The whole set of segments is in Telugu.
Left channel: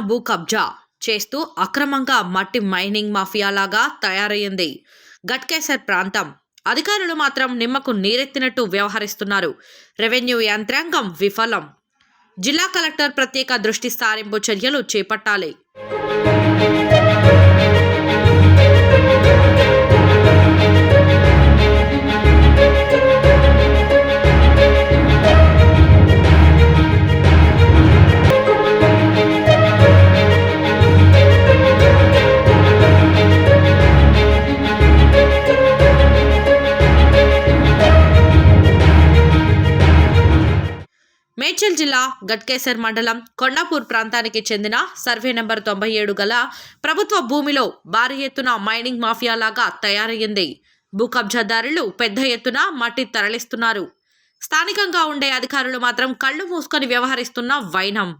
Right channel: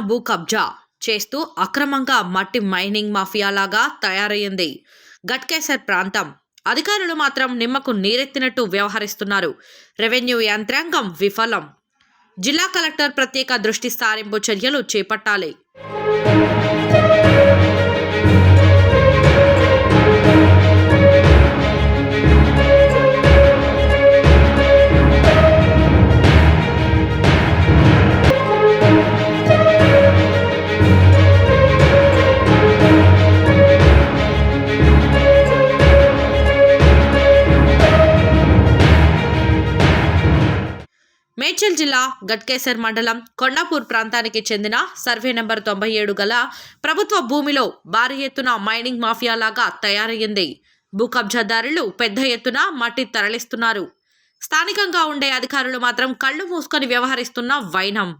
భూ కబ్జా చేస్తూ అక్రమంగా మట్టి మైనింగ్ మాఫియాలాగా తయారయ్యింది గట్కేసర్ ప్రాంతం. అధికారులు మాత్రం నిమ్మకు నీరెత్తినట్టు వ్యవహరిస్తున్నారు. రెవెన్యూ యంత్రాంగం విఫలం. జిల్లా కలెక్టర్ ప్రత్యేక దృష్టి సారింపు చర్యలు చేపట్టాలి. మేడ్చల్ జిల్లా గట్కేసర్ మండలం కొండాపూర్ ప్రాంతానికి చెందిన సర్వే నెంబర్ తొంభై ఏడు గల ప్రభుత్వ భూమిలో భారీ ఎత్తున మైనింగ్ మాఫియా లాగా తయారయ్యింది. భూ కబ్జాదారులు పెద్ద ఎత్తున మట్టి తరలిస్తున్నారు. స్థానికంగా ఉండే అధికారులు మాత్రం కళ్ళు మూసుకొని వ్యవహరిస్తున్న వైనం.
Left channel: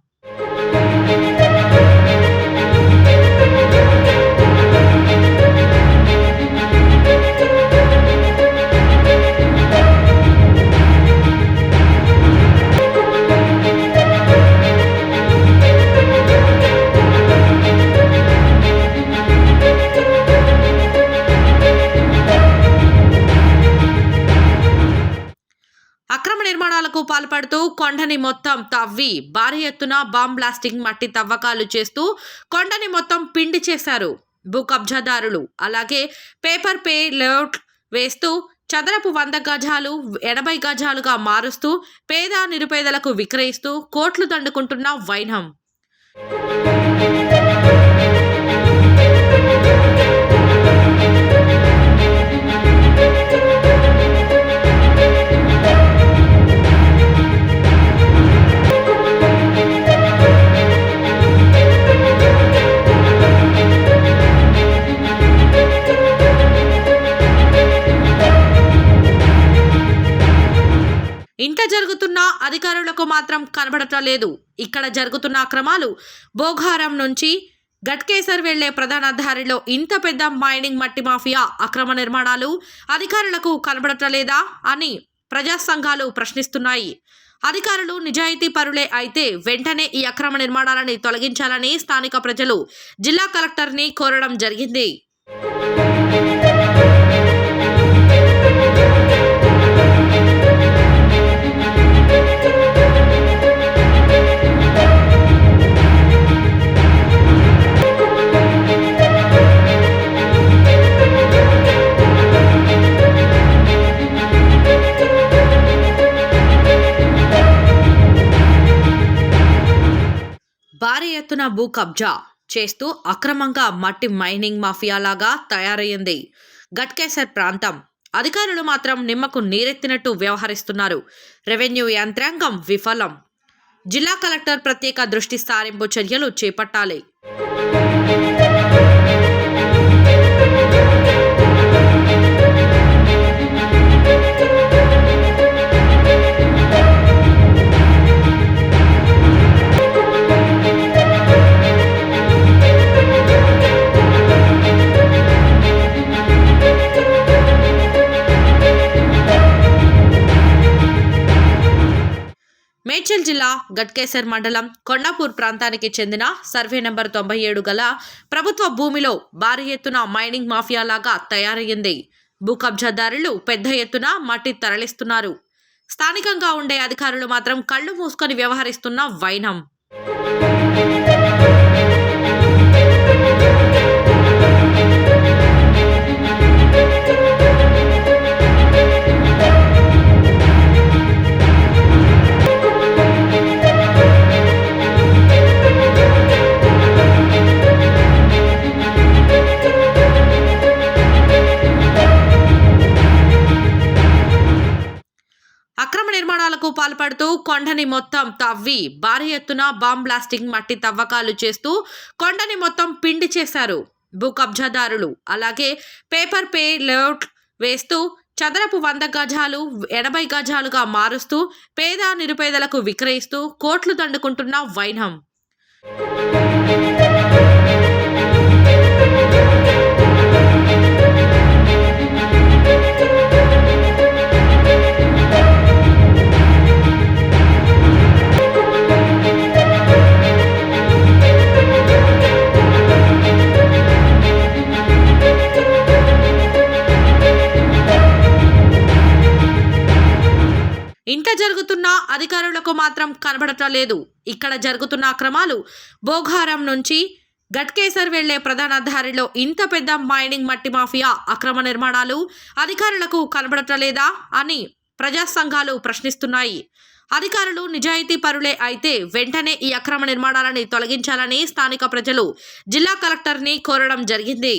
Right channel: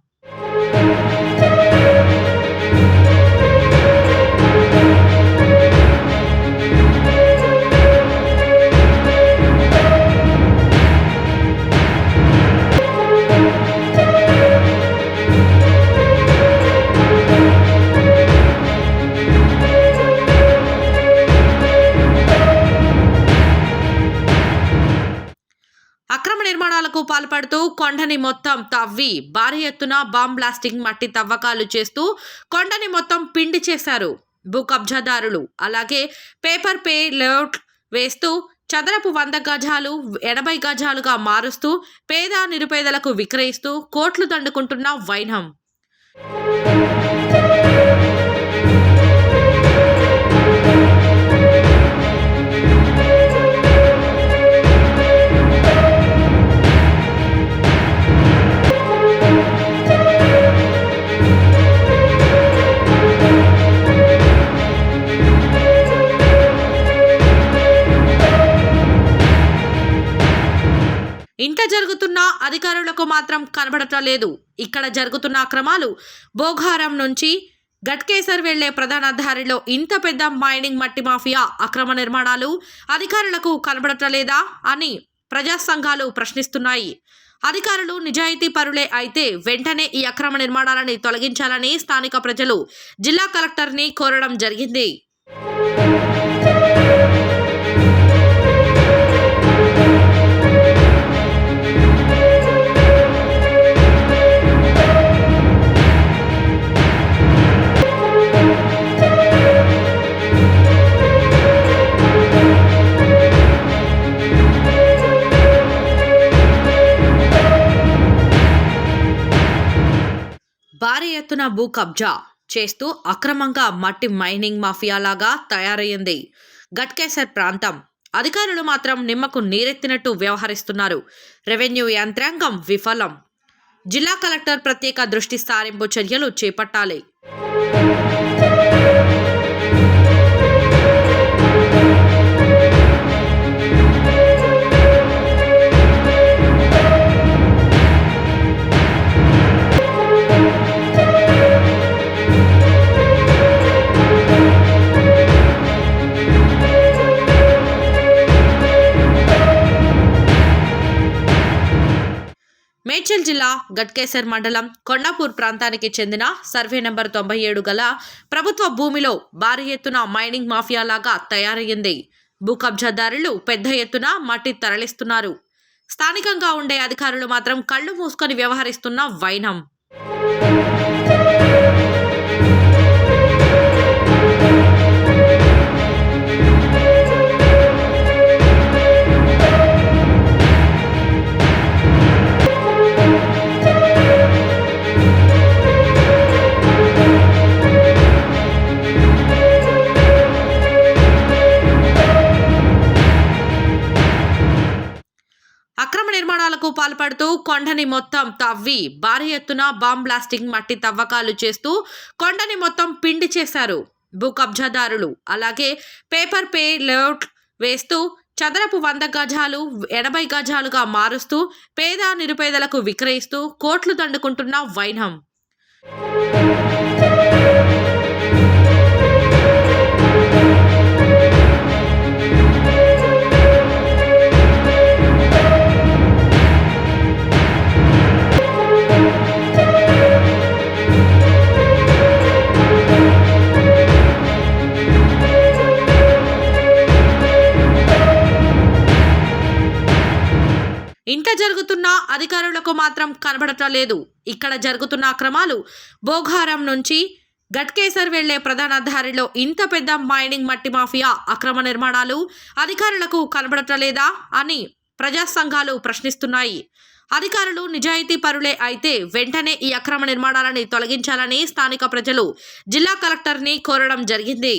కొండని మొత్తం తవ్వి భారీ ఎత్తున బాంబ్ బ్లాస్టింగ్ మట్టి తవ్వకాలు చేస్తూ కొండని మొత్తం పిండి చేశారు భూ కబ్జాదారులు అలాగే పేపర్ పే లేఅవుట్ వేస్తూ చదరపు వంద గజాలు ఎనభై గజాలుగా మారుస్తూ పేద నిరుపేదలకు విక్రయిస్తూ కోట్లు దండుకుంటున్న వైనం. ఇంట జరుగుతున్న అధికారులకు మాత్రం కనబడటం లేదు. ఇక్కడ జరుగుతున్న అక్రమాలు బోఘారం నుంచి గట్కేసర్ వెళ్ళే ప్రధాన దారిలో ఇంత పెద్ద మైనింగ్ మట్టి మాఫియా అక్రమ నిర్మాణాలు అధికారులకు కనబడటం లేదా అని ప్రజా సంఘాలు ప్రశ్నిస్తున్నాయి. అధికారులు నిజాయితీ పరులే అయితే వెంటనే ఈ అక్రమ నిర్మాణాలని తొలగించాలని స్థానిక ప్రజలు జిల్లా కలెక్టర్ని కోరడం జరిగింది. భూ కబ్జా చేస్తూ అక్రమంగా మట్టి మైనింగ్ మాఫియాలాగా తయారయ్యింది. గట్కేసర్ ప్రాంతం. అధికారులు మాత్రం నిమ్మకు నీరెత్తినట్టు వ్యవహరిస్తున్నారు. రెవెన్యూ యంత్రాంగం విఫలం. జిల్లా కలెక్టర్ ప్రత్యేక దృష్టి సారింపు చర్యలు చేపట్టాలి. మేడ్చల్ జిల్లా గట్కేసర్ మండలం కొండాపూర్ ప్రాంతానికి చెందిన సర్వే నెంబర్ తొంభై ఏడు గల ప్రభుత్వ భూమిలో భారీ ఎత్తున మైనింగ్ మాఫియాలాగా తయారయ్యింది. భూ కబ్జాదారులు పెద్ద ఎత్తున మట్టి తరలిస్తున్నారు. స్థానికంగా ఉండే అధికారులు మాత్రం కళ్ళు మూసుకొని వ్యవహరిస్తున్న వైనం. కొండని మొత్తం తవ్వి భారీ ఎత్తున బాంబ్ బ్లాస్టింగ్ మట్టి తవ్వకాలు చేస్తూ కొండని మొత్తం పిండి చేశారు భూ కబ్జాదారులు అలాగే పేపర్ పే లేఅవుట్ వేస్తూ చదరపు వంద గజాలు ఎనభై గజాలుగా మారుస్తూ పేద నిరుపేదలకు విక్రయిస్తూ కోట్లు దండుకుంటున్న వైనం. ఇంత జరుగుతున్నా అధికారులకు మాత్రం కనబడటం లేదు. ఇక్కడ జరుగుతున్న అక్రమాలు భోగారం నుంచి గట్కేసర్ వెళ్ళే ప్రధాన దారిలో ఇంత పెద్ద మైనింగ్ మట్టి మాఫియా అక్రమ నిర్మాణాలు అధికారులకు కనబడటం లేదా అని ప్రజా సంఘాలు ప్రశ్నిస్తున్నాయి. అధికారులు నిజాయితీ పరులే అయితే వెంటనే ఈ అక్రమ నిర్మాణాలని తొలగించాలని స్థానిక ప్రజలు జిల్లా కలెక్టర్ని కోరడం జరిగింది.